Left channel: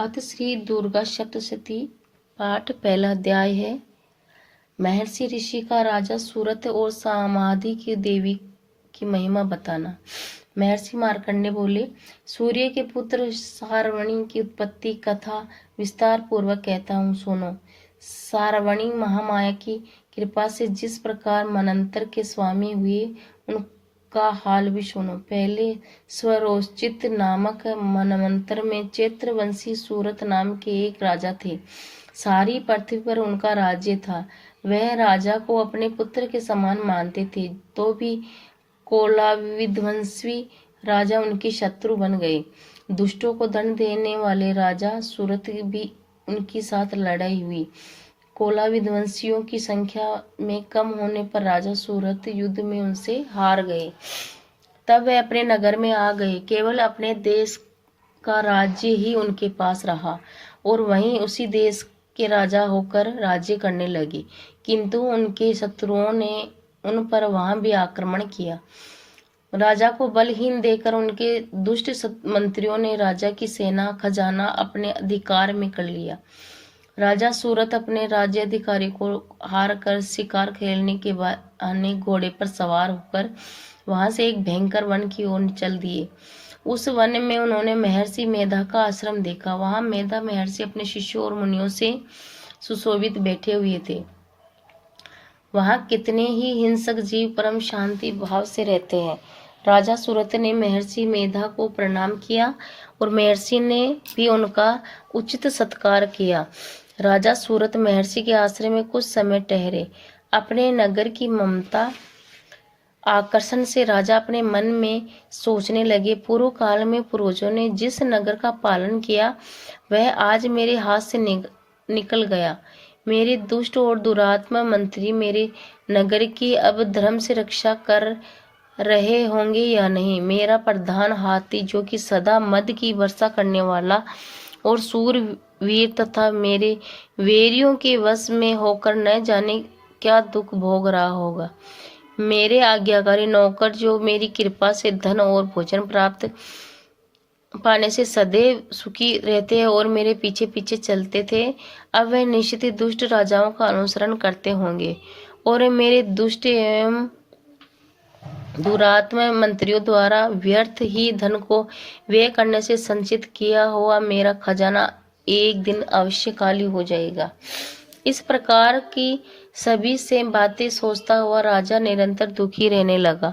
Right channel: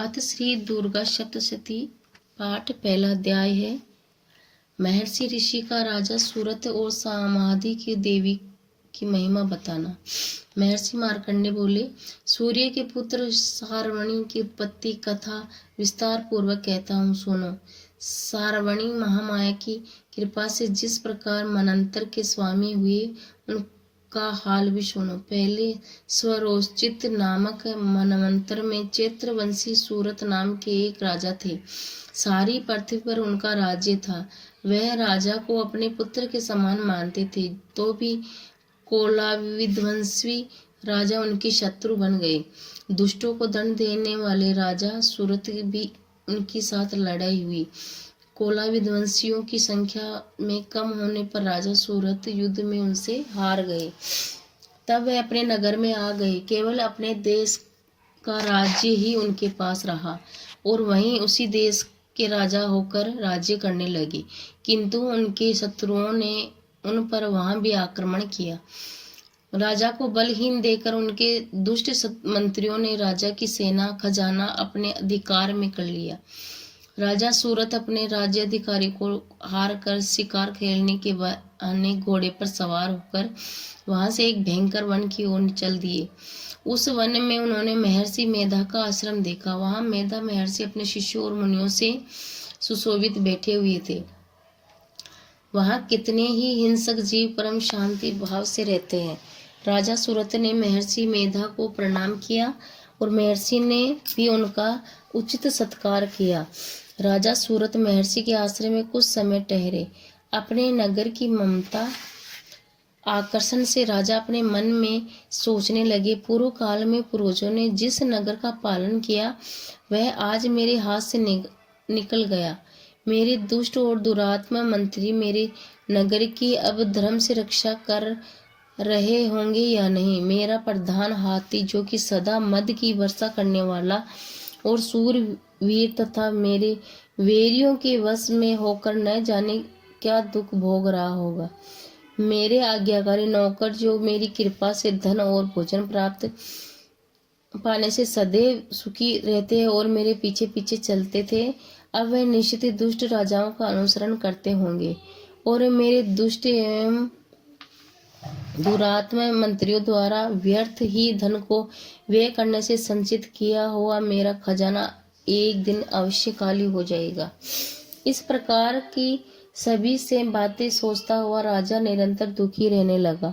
अथ श्री दुर्गा सप्तशती पाठ पहला अध्याय है। महर्षि ऋषि का राजा सूरत और समाधि की देवी की महिमा बताना। महर्षि मार्कंडेय बोले, सूर्य के पुत्र सारवणी की उत्पत्ति कथा विस्तार पूर्वक कहता हूँ, सुनो। सारवणी महामाया की कृपा से जिस प्रकार मनंतर के स्वामी हुए उनका हाल भी सुनो। पहले स्वरोचित नामक मनवंतर में चैत्रवंशी सूरत नाम के एक राजा थे। सारी पृथ्वी पर उनका राज्य था। वह राजा को अपने पुत्र के समान मानते थे, तो भी कोलाविध्वंसी राजा उनके शत्रु बन गए। दुष्टों को दंड देने वाले राजा सूरत भी उनके साथ लड़ाई हुई। कोलाविध्वंसियों की संख्या में कम होने पर राजा सूरत युद्ध में उनसे हार गए। तब वह अपने नगर में आ गए। केवल अपने देश का राज्य ही उनके पास रहा और वहीं उसी देश के राजा होकर राज्य करने लगे। किंतु उनके शत्रुओं ने उन पर वहां भी आक्रमण किया। राजा को बलहीन देखकर उनके दुष्ट मंत्रियों ने राजा की सेना खजाना अपने अधिकार में कर लिया। राजा सूरत अपने राज्य अधिकारी को हार कर शिकार खेलने के बहाने घोड़े पर सवार होकर वहां से एक भयंकर वन की ओर चल दिए। उस वन में उन्होंने महर्षि मेधा का आश्रम देखा। वहां मेधा महर्षि अपने शिष्यों और मुनियों से सुशोभित बैठे हुए थे। वहां कितने ही हिंसक जीव परम शांति भाव से रहते हैं। राजा सूरत ने महर्षि मेधा को प्रणाम किया और महर्षि ने भी उनका उचित सत्कार किया। राजा सूरत महर्षि के आश्रम में कुछ समय ठहरे। अपने नगर की ममता आकर्षण से राजा अपने मन में सोचने लगे, पूर्व काल में पूर्वजों ने जिस नगर का पालन किया वह आज मेरे हाथ से निकल गया। मेरे दुष्ट और दुरात्मा मंत्री मेरे नगर की अब धर्म से रक्षा कर रहे होंगे या नहीं। मेरा प्रधान हाथी, जो कि सदा मद की वर्षा करने वाला और सूरवीर तथा मेरे वेरियों के वश में होकर न जाने क्या दुख भोग रहा होगा। मेरे आज्ञाकारी नौकर, जो मेरी कृपा से धन और भोजन प्राप्त पाने से सदैव सुखी रहते हैं और मेरे पीछे पीछे चलते थे, अब वह निश्चित ही दुष्ट राजाओं का अनुसरण करते होंगे और मेरे दुष्ट एवं दुरात्मा मंत्रियों द्वारा व्यर्थ ही धन को व्यय करने से संचित किया हुआ मेरा खजाना एक दिन अवश्य खाली हो जाएगा। इस प्रकार की सभी से बातें सोचता हुआ राजा निरंतर दुखी रहने लगा।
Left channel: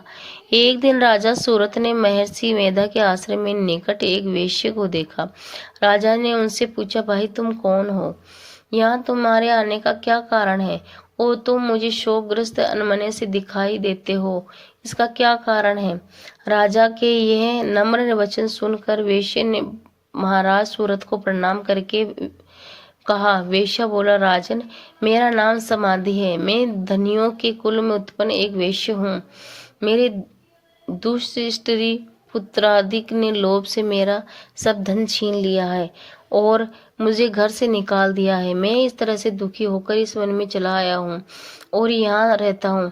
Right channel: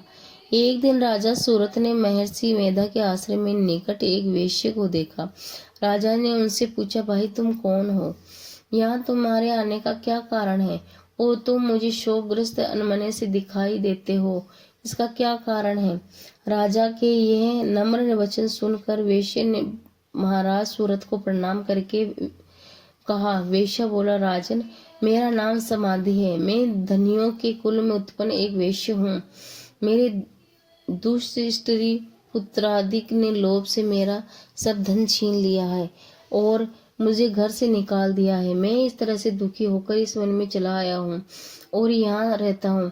एक दिन राजा सूरत ने महर्षि मेधा के आश्रम में निकट एक वेश्या को देखा। राजा ने उनसे पूछा, भाई तुम कौन हो? यहाँ तुम्हारे आने का क्या कारण है? और तुम मुझे शोकग्रस्त अनमने से दिखाई देते हो, इसका क्या कारण है? राजा के यह नम्र वचन सुनकर वेश्या ने महाराज सूरत को प्रणाम करके कहा। वेश्या बोला, राजन, मेरा नाम समाधि है। मैं धनियों के कुल में उत्पन्न एक वेश्या हूँ। मेरे दुष्ट स्त्री पुत्रादिक ने लोभ से मेरा सब धन छीन लिया है और मुझे घर से निकाल दिया है। मैं इस तरह से दुखी होकर इस वन में चला आया हूँ और यहाँ रहता हूँ।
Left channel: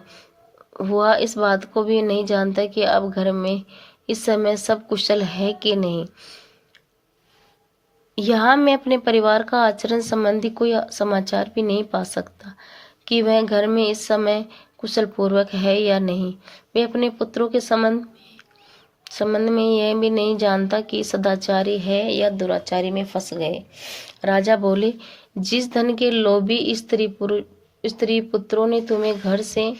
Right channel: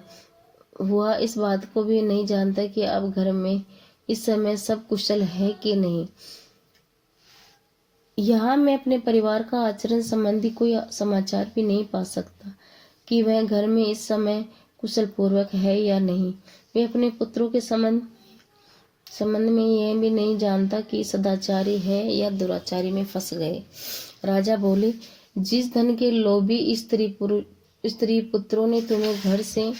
वह इस बात को भी नहीं जानता कि अब घर में इस समय सब कुशल है कि नहीं। यहाँ मैं अपने परिवार का आचरण संबंधी कोई समाचार भी नहीं पा सकता कि वह घर में इस समय कुशल पूर्वक है या नहीं। वे अपने पुत्रों के संबंध में यह भी नहीं जानता कि सदाचारी है या दुराचारी में फंस गए। राजा बोले, जिस धन के लोभी स्त्री पुत्रों ने तुम्हें घर से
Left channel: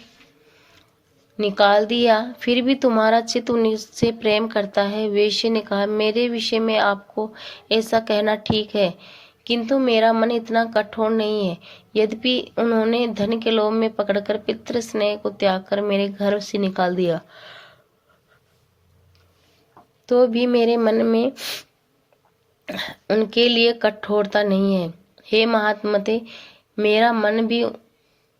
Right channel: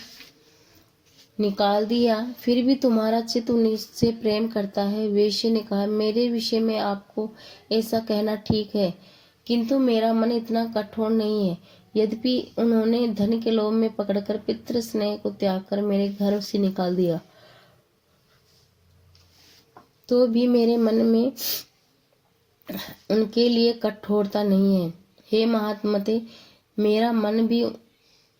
निकाल दिया, फिर भी तुम्हारा चित्त उनसे प्रेम करता है। वेश्या ने कहा, मेरे विषय में आपको ऐसा कहना ठीक है, किंतु मेरा मन इतना कठोर नहीं है। यद्यपि उन्होंने धन के लोभ में पकड़कर पितृ स्नेह को त्याग कर मेरे घर से निकाल दिया, तो भी मेरे मन में उनके लिए कठोरता नहीं है। हे महात्मते, मेरा मन भी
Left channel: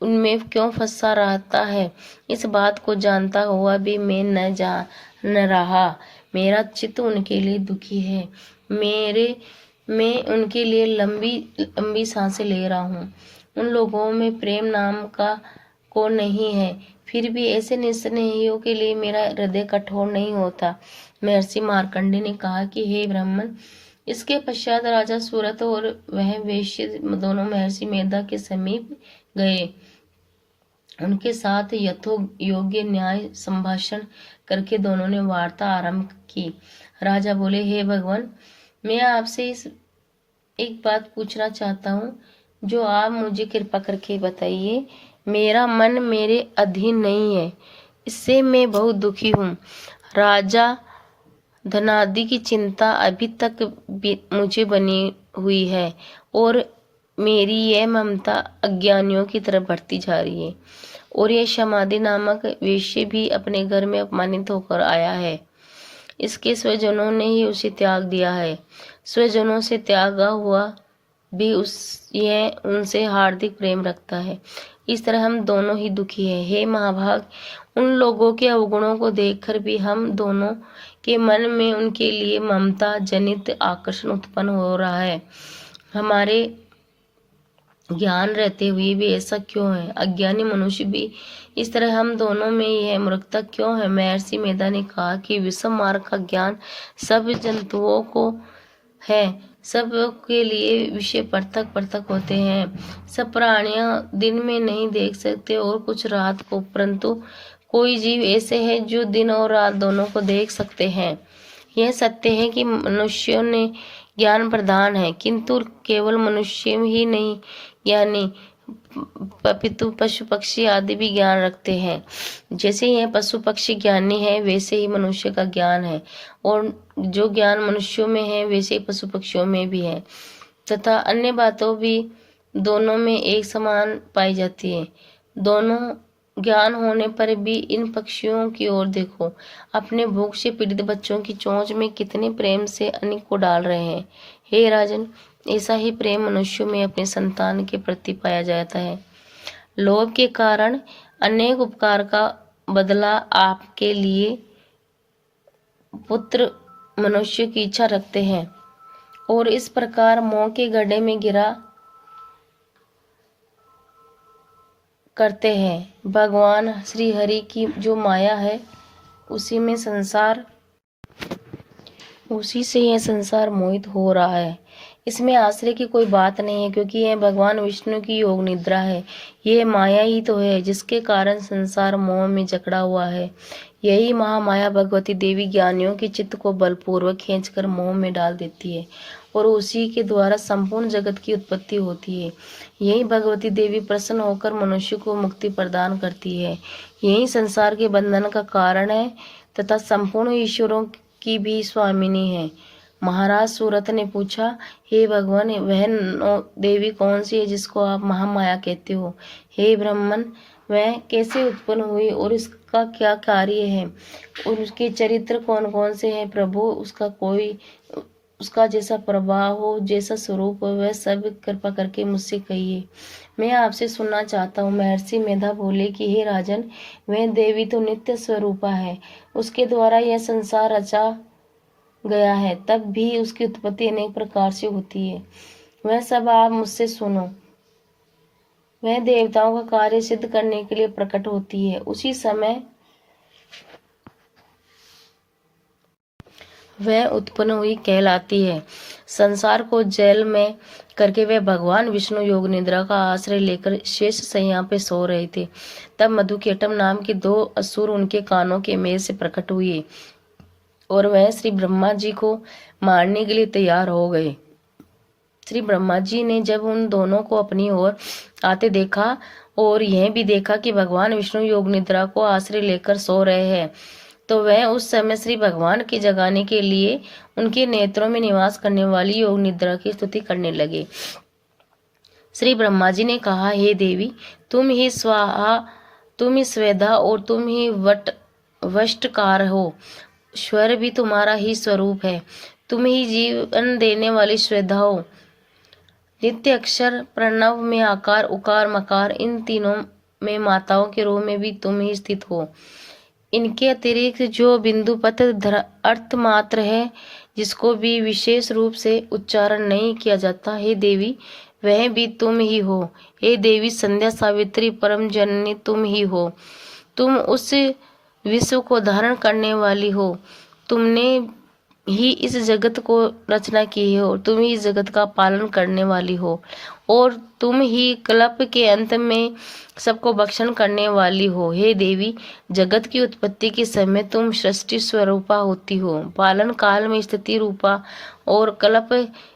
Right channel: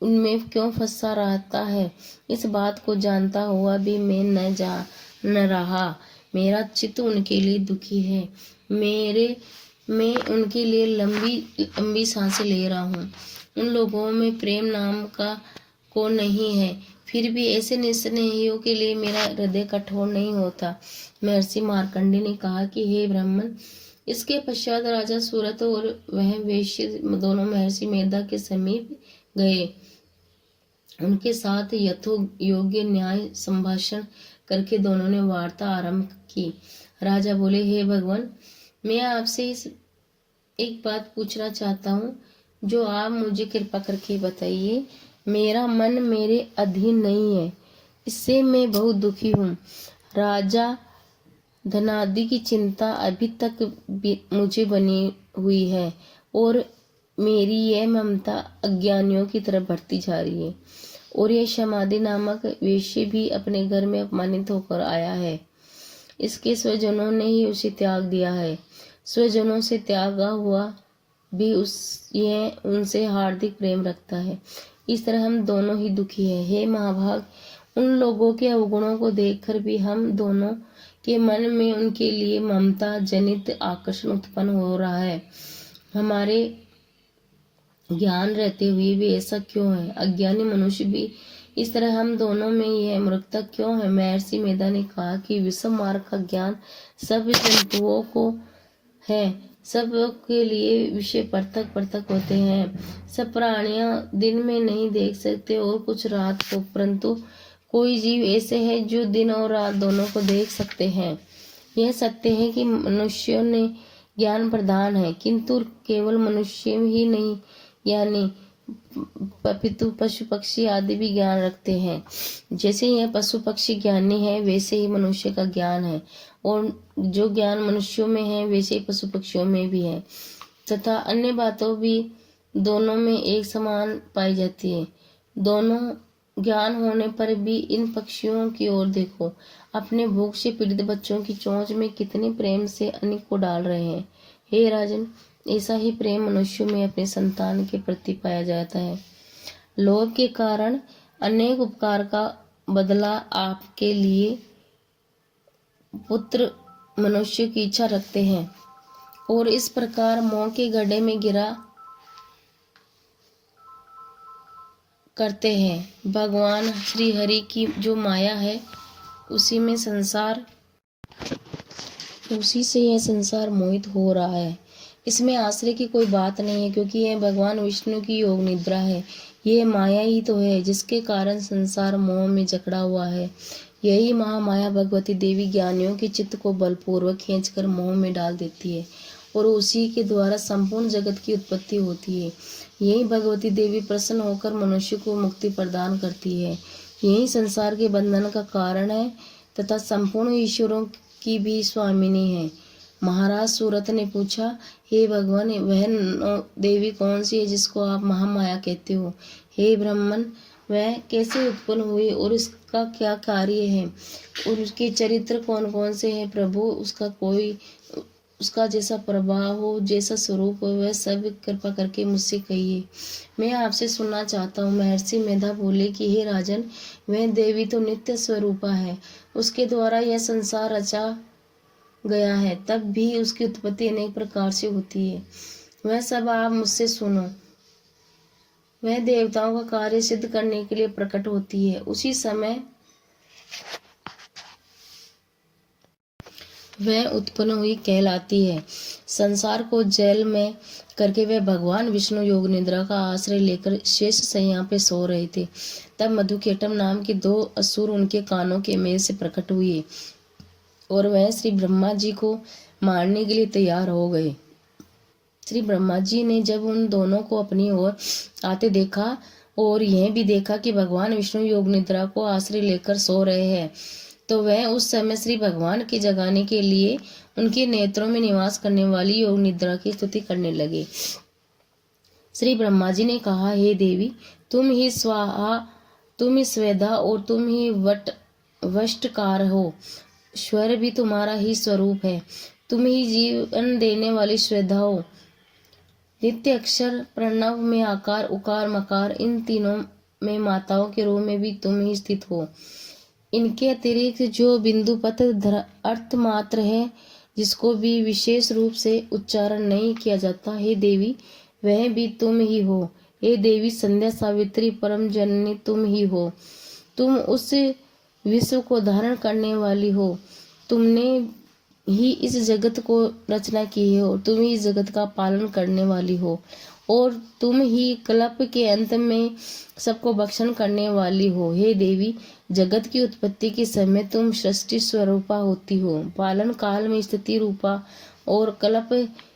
उनमें क्यों फंसा रहता है, इस बात को जानता हुआ भी मैं न जान रहा। मेरा चित्त उनके लिए दुखी है। मैं उनके लिए लंबी सांसें ले रहा हूँ। उन लोगों में प्रेम नाम का को नहीं है, फिर भी ऐसे निस्नेहियों के लिए मेरा हृदय कठोर नहीं होता। महर्षि मार्कंडेय ने कहा कि हे ब्राह्मण, इसके पश्चात राजा सूरत और वह वेश्य दोनों महर्षि मेधा के समीप गए। उनके साथ यथोयोग्य न्याय संभाषण करके दोनों ने वार्ता आरंभ की। राजा बोले, हे भगवान, मैं आपसे एक बात पूछना चाहता हूँ, जो आप मुझे कृपा करके बताइए। मेरा मन मेरे अधीन नहीं है, इससे मैं बहुत दुखी हूँ। राजा धनादि की चिंता अभी तक मुझे बनी हुई है और मेरी यह ममता अज्ञानियों की तरफ बढ़ती जा रही है। और यह समाधि नामक वेश्य भी अपने घर में अपमानित होकर आया है। इसके स्वजनों ने ही उसे त्याग दिया है। स्वजनों से त्यागा हुआ भी यह उनसे हार्दिक प्रेम रखता है। इस तरह हम दोनों ही दुखी हैं। हे महाभाग, उन लोगों के अवगुणों को देखकर भी हम दोनों के मन में उनके लिए ममता जनित आकर्षण उत्पन्न हो रहा है। हमारे ज्ञान रहते हुए भी ऐसा क्यों है? अज्ञानी मनुष्य भी इस तरह हम दोनों में यह मूर्खता क्यों है? महर्षि मेधा ने कहा कि विषम मार्ग का ज्ञान सब जंतुओं को है। सब के लिए विषय पृथक पृथक होते हैं। सब प्राणियां दिन में नहीं देख सकते और कुछ रात को, परंतु कोई जीव ऐसे है जो दिन और रात दोनों को देख सकते हैं। यह सत्य है कि मनुष्यों ने ज्ञान प्रदान है, किंतु केवल मनुष्य ही नहीं, यानी पितु पशु पक्षी आदि भी ज्ञान रखते हैं। जैसे यह पशु पक्षी ज्ञानी है, वैसे ही मनुष्य का ज्ञान है, और जो ज्ञान मनुष्यों में है वैसे ही पशु पक्षियों में भी है, तथा अन्य बातों भी दोनों में एक समान पाई जाती है। दोनों ज्ञान होने पर भी इन पक्षियों की ओर देखो, अपने भूख से पीड़ित बच्चों की चोंच में कितने प्रेम से अन्न को डाल रहे हैं। हे राजन, ऐसा ही प्रेम मनुष्यों में अपने संतान के प्रति पाया जाता है। लोभ के कारण अनेक उपकार का बदला आपके लिए पुत्र मनुष्य की इच्छा रखते हैं और इस प्रकार मोह के गड्ढे में गिरा करते हैं। भगवान श्री हरि की जो माया है उसी से यह संसार मोहित हो रहा है। इसमें आश्चर्य की कोई बात नहीं है, क्योंकि यह भगवान विष्णु की योग निद्रा है। यह माया ही तो है जिसके कारण संसार मोह में जकड़ा हुआ है। यही महामाया भगवती देवी ज्ञानियों के चित्त को बलपूर्वक खींचकर मोह में डाल देती है और उसी के द्वारा संपूर्ण जगत की उत्पत्ति होती है। यही भगवती देवी प्रसन्न होकर मनुष्य को मुक्ति प्रदान करती है। यही संसार के बंधन का कारण है तथा संपूर्ण ईश्वरों की भी स्वामिनी है। महाराज सूरत ने पूछा, हे भगवान, वह देवी कौन सी है जिसको आप महामाया कहते हो? हे ब्राह्मण, वह कैसे उत्पन्न हुई और इसका क्या कार्य है और उसके चरित्र कौन कौन से हैं? प्रभु, उसका जैसा प्रभाव हो, जैसा स्वरूप हो, वह सब कृपा करके मुझसे कहिए, मैं आपसे सुनना चाहता हूँ। महर्षि मेधा बोले कि हे राजन, वह देवी तो नित्य स्वरूपा है, उसके द्वारा यह संसार रचा गया है, तब भी उसकी उत्पत्ति अनेक प्रकार से होती है। वह सब आप मुझसे सुनो। वह देवताओं का कार्य सिद्ध करने के लिए प्रकट होती है, उसी समय वह उत्पन्न हुई कहलाती है। संसार को जेल में करके वह भगवान विष्णु योग निद्रा का आश्रय लेकर शेष शैया पे सो रहे थे। तब मधुकेटम नाम के 2 असुर उनके कानों के मेल से प्रकट हुए और वह श्री ब्रह्मा जी को मारने के लिए तैयार हो गए। श्री ब्रह्मा जी ने जब उन दोनों को अपनी ओर आते देखा और यह भी देखा कि भगवान विष्णु योग निद्रा को आश्रय लेकर सो रहे हैं, तो वह उस समय श्री भगवान की जगाने के लिए उनके नेत्रों में निवास करने वाली योग निद्रा की स्तुति करने लगे। श्री ब्रह्मा जी ने कहा, हे देवी, तुम ही स्वाहा, तुम ही स्वेधा और तुम ही वष्टकार हो। स्वर भी तुम्हारा ही स्वरूप है। तुम ही जीवन देने वाली श्रद्धा हो। नित्य अक्षर प्रणव में आकार, उकार, मकार, इन तीनों में माताओं के रूप में भी तुम ही स्थित हो। इनके अतिरिक्त जो बिंदुपत अर्थ मात्र है, जिसको भी विशेष रूप से उच्चारण नहीं किया जाता, हे देवी, वह भी तुम ही हो। हे देवी संध्या, सावित्री, परम जननी तुम ही हो। तुम उस विश्व को धारण करने वाली हो। तुमने ही इस जगत को रचना की हो, तुम ही इस जगत का पालन करने वाली हो, और तुम ही कल्प के अंत में सबको भक्षण करने वाली हो। हे देवी, जगत की उत्पत्ति के समय तुम सृष्टि स्वरूपा होती हो, पालन काल में स्थिति रूपा और कल्प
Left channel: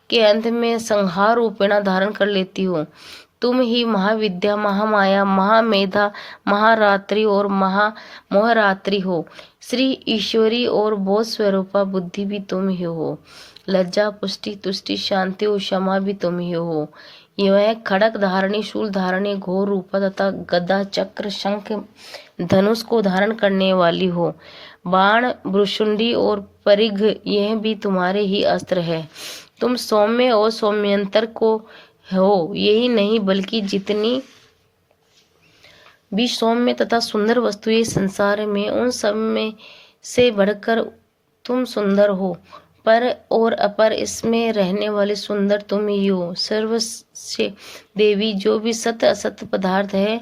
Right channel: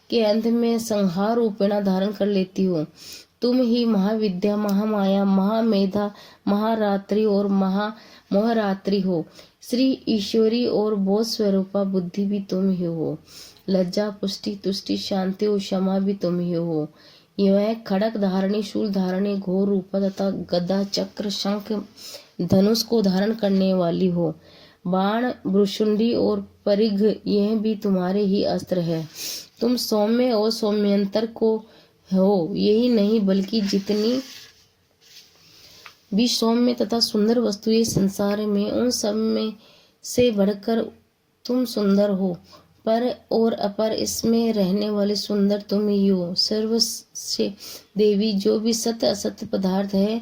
के अंत में संहार रूपेणा धारण कर लेती हो। तुम ही महाविद्या, महामाया, महामेधा, महारात्रि और महामोहरात्रि हो। श्री ईश्वरी और बोध स्वरूपा बुद्धि भी तुम ही हो। लज्जा, पुष्टि, तुष्टि, शांति और क्षमा भी तुम ही हो। यह खड़क धारणी, शूल धारणी, घोर रूपा तथा गदा, चक्र, शंख, धनुष को धारण करने वाली हो। बाण, भ्रुशुंडी और परिघ यह भी तुम्हारे ही अस्त्र है। तुम सौम्य और सौम्यंतर को हो। यही नहीं बल्कि जितनी भी सौम्य तथा सुंदर वस्तुएं संसार में, उन सब में से बढ़कर तुम सुंदर हो। पर और अपर इसमें रहने वाले सुंदर तुम ही हो। सर्व से देवी, जो भी सत्य असत्य पदार्थ है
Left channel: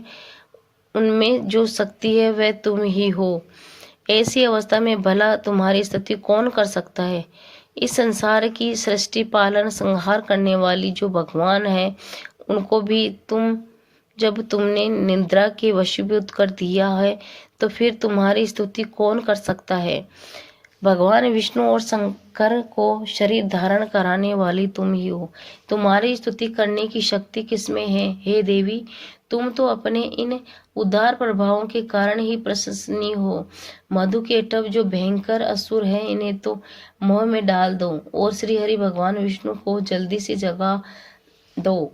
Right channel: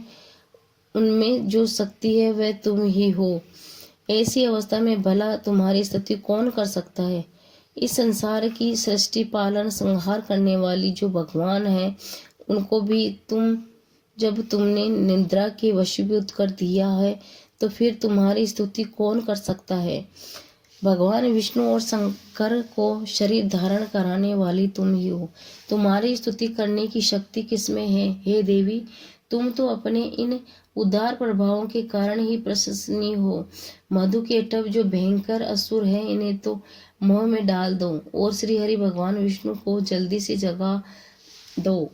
उनमें जो शक्ति है वह तुम ही हो। ऐसी अवस्था में भला तुम्हारी स्तुति कौन कर सकता है। इस संसार की सृष्टि, पालन, संहार करने वाली जो भगवान है, उनको भी जब तुमने निद्रा के वशीभूत कर दिया है, तो फिर तुम्हारी स्तुति कौन कर सकता है। भगवान विष्णु और शंकर को शरीर धारण कराने वाली तुम ही हो। तुम्हारी स्तुति करने की शक्ति किसमें है। हे देवी, तुम तो अपने इन उदार प्रभावों के कारण ही प्रशंसनीय हो। मधु के टब जो भयंकर असुर हैं, इन्हें तो मोह में डाल दो और श्री हरि भगवान विष्णु को जल्दी से जगा दो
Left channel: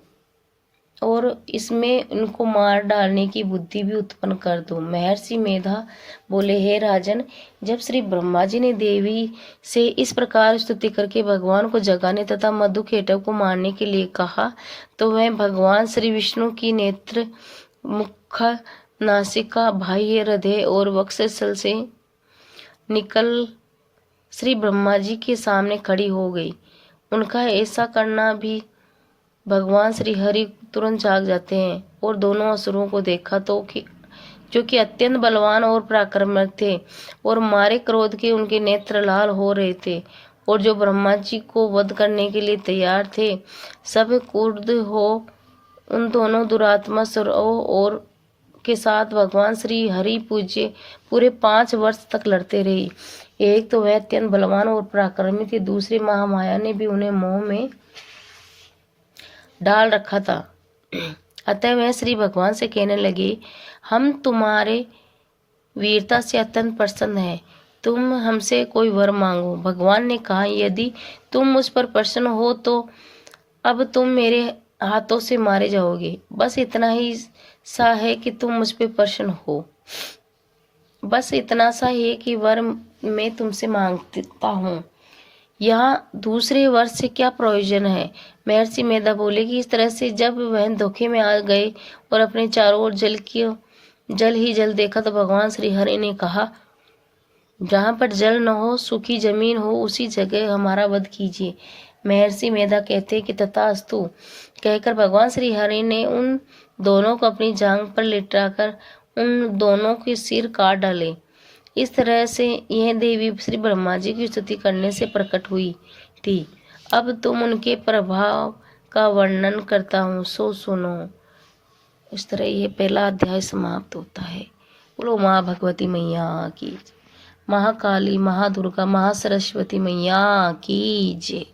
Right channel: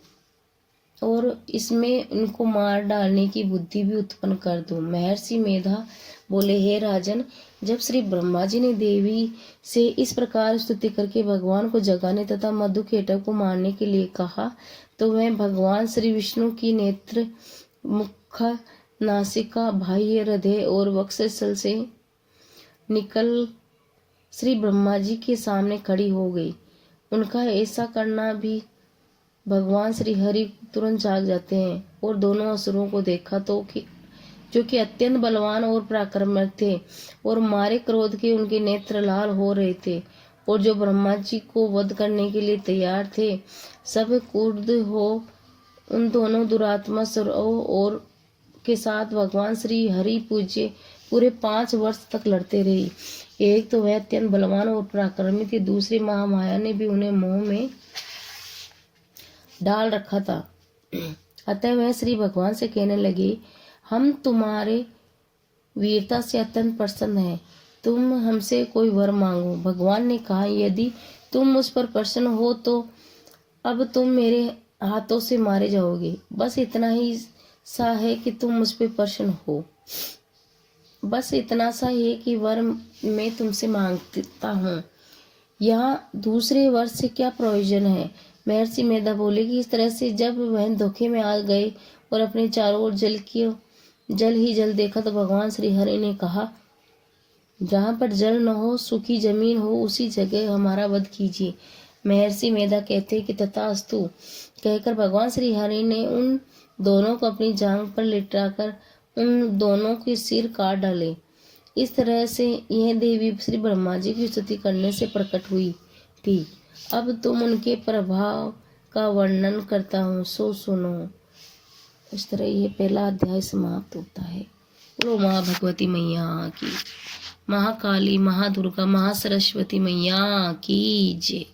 और इसमें इनको मार डालने की बुद्धि भी उत्पन्न कर दो। महर्षि मेधा बोले, हे राजन, जब श्री ब्रह्मा जी ने देवी से इस प्रकार स्तुति करके भगवान को जगाने तथा मधु केटव को मारने के लिए कहा, तो वह भगवान श्री विष्णु की नेत्र, मुख, नासिका, बाह्य, हृदय और वक्षस्थल से निकल श्री ब्रह्मा जी के सामने खड़ी हो गई। उनका ऐसा करना भी भगवान श्री हरि तुरंत जाग जाते हैं और दोनों असुरों को देखा तो जो कि अत्यंत बलवान और पराक्रमी थे और मारे क्रोध के उनके नेत्र लाल हो रहे थे, और जो ब्रह्मा जी को वध करने के लिए तैयार थे, सब क्रुद्ध हो उन दोनों दुरात्मा असुरों और के साथ भगवान श्री हरि पूरे 5 वर्ष तक लड़ते रही। एक तो वह अत्यंत बलवान और पराक्रमी थे, दूसरी महामाया ने भी उन्हें मोह में डाल रखा था। अतः वह श्री भगवान से कहने लगे, हम तुम्हारे वीरता से अत्यंत प्रसन्न हैं, तुम हमसे कोई वर मांगो। भगवान ने कहा, यदि तुम मुझ पर प्रसन्न हो तो अब तुम मेरे हाथों से मारे जाओगे। बस इतना ही सा है कि तुम मुझ पर प्रसन्न हो। बस इतना सा है कि वर मैं तुमसे मांगता हूँ। यहाँ दूसरे वर से क्या प्रयोजन है। महर्षि मेधा बोले कि इस तरह से जब वह धोखे में आ गए और अपने चारों ओर जल ही जल देखा, तो भगवान श्री हरि ने कहा, जहाँ पर जल न हो, सूखी जमीन हो, उसी जगह हमारा वध कीजिए। महर्षि मेधा कहते कि तथास्तु कहकर भगवान श्री हरि ने उन दोनों को अपनी जांघ पर लिटाकर उन दोनों के सिर काट डाले। इस तरह से यह देवी श्री ब्रह्मा जी की स्तुति करने से प्रकट हुई थी। अब तुम उनके प्रभाव का वर्णन करता हूँ, सो सुनो। इस तरह ये पहला अध्याय समाप्त होता है। बोलो माँ भगवती मैया की, महाकाली, महादुर्गा, महासरस्वती मैया की जय।